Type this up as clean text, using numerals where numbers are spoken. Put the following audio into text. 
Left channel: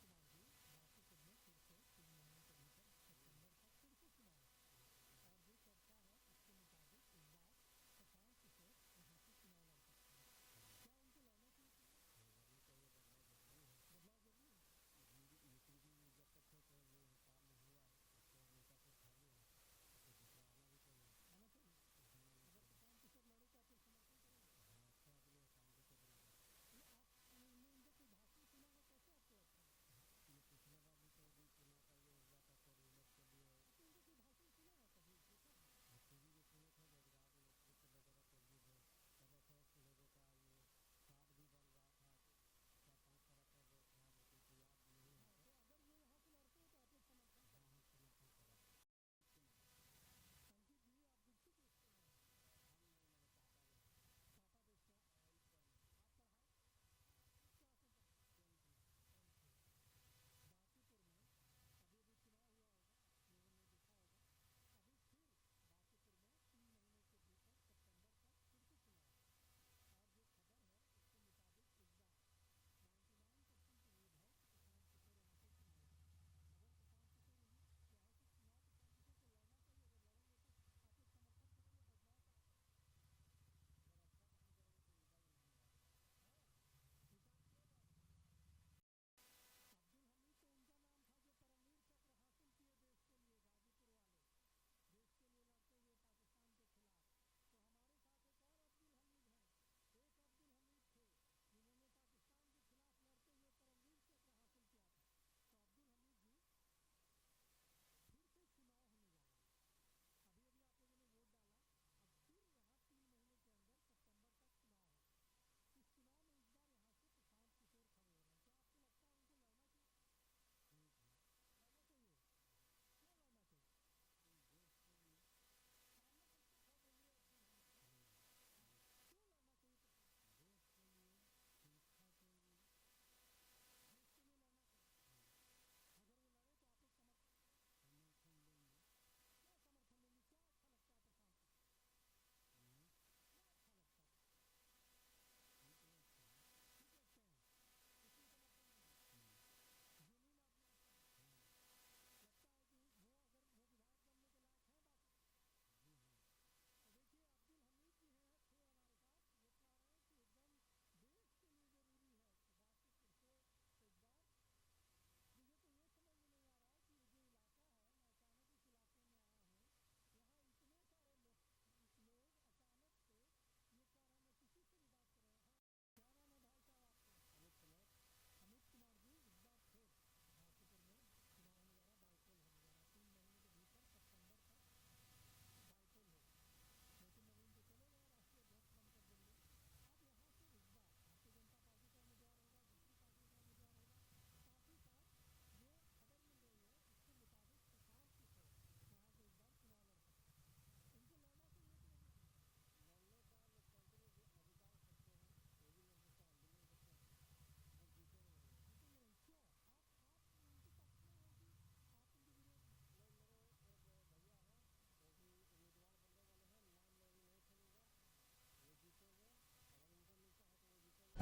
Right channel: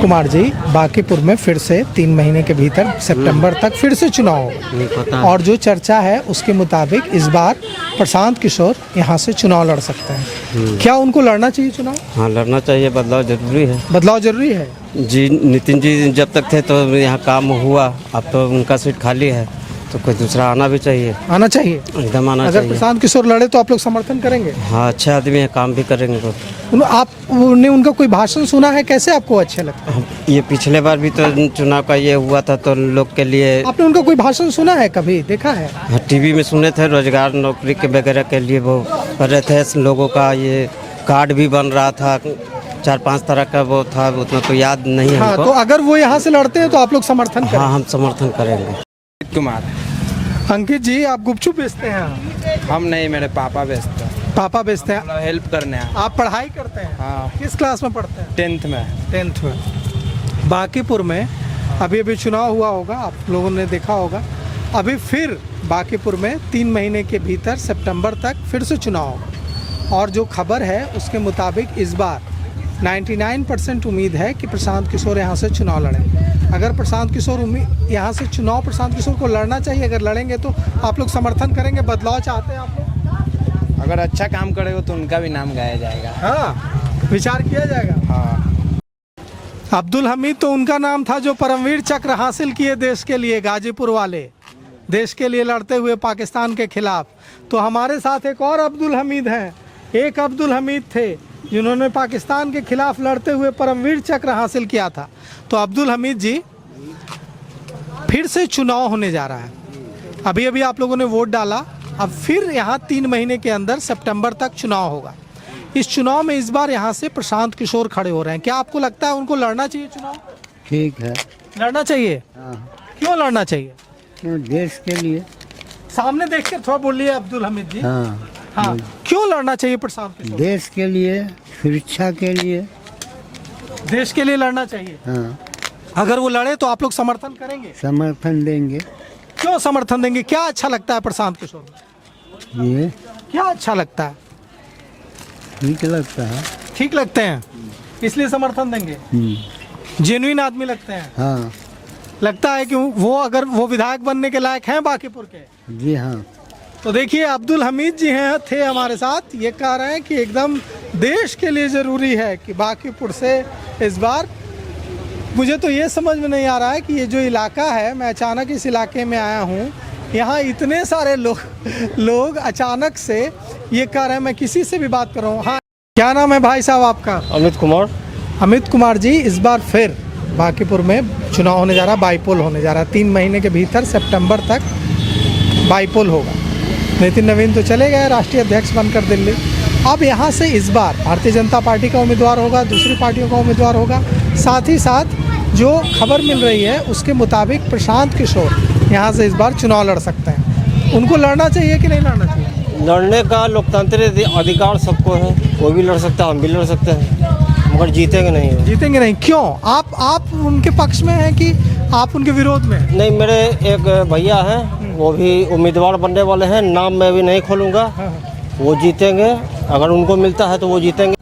कुमार जी, बांकीपुर में फिर से 3 महीने के भीतर सितंबर तक फिर से चुनाव होगा और जो चर्चा है उसके मुताबिक इस बार प्रशांत किशोर यहाँ से चुनाव लड़ सकते हैं। क्या उनको लड़ना चाहिए चुनाव? हाँ, लड़ना चाहिए। बदलाव जरूरी है। बदलाव जरूरी है जी। नितिन जी जब तक थे तो यहाँ काम हुआ, अब तो उनका सीट खाली है, तो कोई दूसरा आना भी चाहिए। आना चाहिए, एकदम आना अगर चाहिए। प्रशांत किशोर लड़े तो आप लोग समर्थन करेंगे? हाँ, अच्छे आदमी है, काम भी करेंगे तो। आपने उनका कोई भाषण सुना है? कैसे आपको अच्छे लगता है? ये पिछले बार भी तो चुनाव का ये हुआ था, तो लोग के लिए। आपने उनका कोई भाषण सुना है, कभी देखा है? हाँ, टीवी में सुने थे, रोजगार नौकरी के वगैरह के लिए वो कर रहे थे लोगों का। ये कार्ड भी बन रहा था, 4-5 तरह का वो था, उतना तो याद नहीं है। हाँ, तो अगर वो यहाँ से लड़ते हैं तो आप लोग समर्थन करेंगे? हाँ, हम समर्थन करेंगे। कुमार। अंकित जी, आप गुपचुप बेचते हैं? हम नहीं, मेरे पापा बेचते हैं। पापा बेचते हैं? हेल्प करने हैं। आप पढ़ाई करते हैं? हाँ। किस क्लास में पढ़ते हैं? 10th में। 10th में। बांकीपुर में अभी चुनाव हुआ होगा, आप लोगों ने देखा होगा। अभी फिर बांकीपुर में 3 महीने के भीतर सितंबर तक फिर से चुनाव होगा और जो खबर है उसके मुताबिक इस बार 99% उम्मीद है कि प्रशांत किशोर यहाँ से चुनाव लड़ेंगे। अगर प्रशांत किशोर यहाँ से चुनाव प्रशांत किशोर को लड़ना चाहिए, अगर लड़ेंगे तो आप लोग समर्थन करेंगे? बदलाव चाहते हैं आप लोग? अगर अच्छा काम करेगा तो उनका भी नाम गाया जाएगा। हाँ, विचार किया जाएगा। हाँ। अब्दुल हमीद तो उनका नाम था जो परमवीर चक्र हासिल किए देश के लिए, गाजीपुर वाले, देश के लिए लड़ते हुए पाकिस्तान के खिलाफ। तो हमारे साथ एक और अब्दुल हमीद हैं। एक अब्दुल हमीद थे जिन्होंने पाकिस्तान के खिलाफ लड़ते हुए परमवीर चक्र हासिल किया था। तो अब्दुल हमीद जी, फिर से चुनाव होने जा रहा है। अभी अभी आप लोगों ने वोट डाला, अब फिर यहाँ 3 महीने के अंदर सितंबर तक चुनाव होगा। इस चुनाव में इस बार यहाँ से प्रशांत किशोर खड़े हो रहे हैं। क्या आपको लगता है उनको लड़ना चाहिए चुनाव? ठीक है, लड़ना चाहिए। क्यों लड़ना चाहिए? क्यों? देश के लिए। सामने देख कर थोड़ा बोलिए अब्दुल हमीद जी। हाँ, हाँ, क्यों लड़ना चाहिए प्रशांत किशोर? देश के लिए, सुरक्षा के लिए। देश के लिए लड़ना चाहिए। हाँ, अगर वो लड़े तो आप लोग समर्थन करेंगे? समर्थन देंगे। क्यों समर्थन देंगे? क्या अच्छा लगता है प्रशांत किशोर में? ये क्या अच्छा लगता है? ठीक लगता है। ठीक लगते हैं, इसलिए समर्थन देंगे। जेन्युइन आदमी लगते हैं। हाँ। लगता है कि वो अगर वो विधायक बनने के लायक हैं बांकीपुर के। जी हाँ। तो देखिए, अब्दुल हमीद जी थे हमारे साथ, ये कह रहे हैं कि एकदम देश के लिए ज़रूरी है कि बांकीपुर से इस बार। मुझे तो ये समझ में नहीं आ रहा है कि ये जो इलाका है, मैं अचानक इस इलाके में आया हूँ, यहाँ इतने सारे लोग अचानक से ये कह रहे हैं। मैं किसी से भी बात कर रहा हूँ। हाँ, क्या नाम है भाई साहब आपका? अमित कुमार। अमित कुमार जी, इस बार फिर बांकीपुर में चुनाव होने जा रहा है, बाईपोल होने जा रहा है। 3 महीने के भीतर सितंबर तक बाईपोल होगा। नितिन नवीन तो चले गए राष्ट्रीय अध्यक्ष बनकर दिल्ली। अब यहाँ से इस बार भारतीय जनता पार्टी का उम्मीदवार होगा, दूसरी पार्टियों का उम्मीदवार होगा। साथ ही साथ जो खबर मिल रही है उसके मुताबिक प्रशांत किशोर यहाँ से इस बार चुनाव लड़ सकते हैं। उनको लड़ना चाहिए कि नहीं लड़ना चाहिए? लड़ने का लोकतांत्रिक अधिकार सबको है, कोई भी लड़ सकता है, हम भी लड़ सकते हैं, मगर जीतेंगे नहीं। जीतेंगे नहीं? क्यों? आप उनके पक्ष में हैं कि आप उनके विरोध में? नहीं, मेरे एक भैया हैं, वो भी उम्मीदवार बनने वाले हैं, नाम मैं भी नहीं खोलूँगा। वो जीतेंगे, अगर उनको मिलता है तो वो जीतेंगे।